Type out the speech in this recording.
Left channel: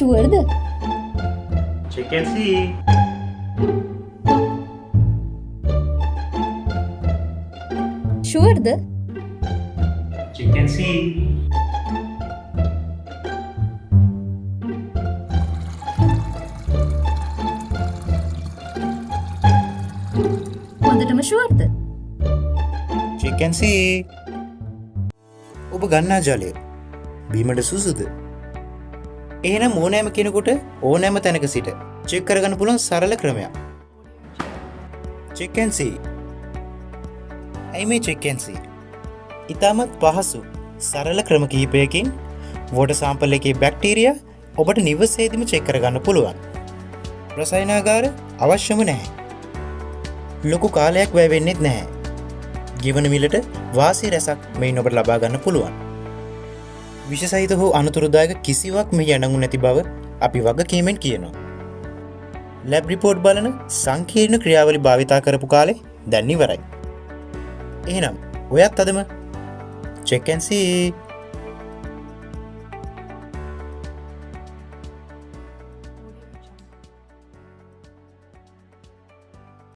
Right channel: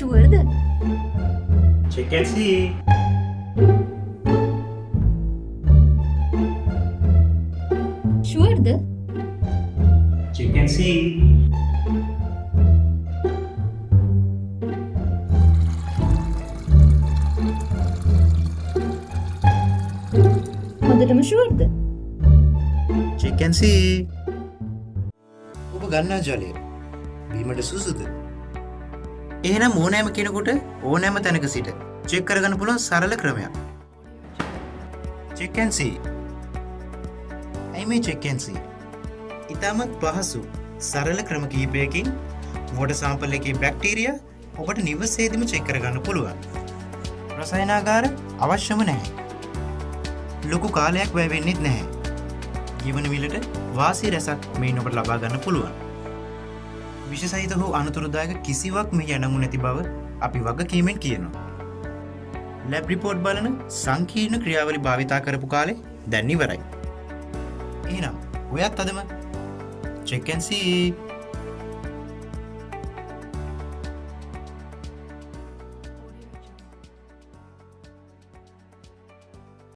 ෂුවර්ද? check and see. ෂුවර්ද? check and see. හොඳටම ෂුවර්ද? check and see. ඔබ ගන්නා ජලය බීමට සුසුද? එහෙනම් ඕනෑම කෙනෙකුට ඕනෑම තැනක සිට චෙක් කරගන්න පුළුවන් සරල ක්‍රමයක්. check and see. ඇයි මේ check and see? ඉතාමත් පහසු සරල ක්‍රම කිහිපයකින් වෝටර් සැම්පල් එකේ බැක්ටීරියා ඔබට නිවසේදීම චෙක් කරගන්න පුළුවන්. රසායනාගාර අවශ්‍යම නැහැ. ලොකු කාලයක් වැය වෙන්නේ නැහැ. ගෙවන මිලට වාසි රැසක් මෙයින් ඔබට ලබා ගන්න පුළුවන්. විශේෂයිත හෝ අනතුරුදායක කිසිවක් මෙහි අඩංගු නැති බව අපි වගකීමෙන් කියනවා. ලැබ් රිපෝට් බලන සංකීර්ණ ක්‍රියාවලි භාවිතා කරපු කාලේ දැන් ඉවරයි. එහෙනම් ඔයත් අදම check and see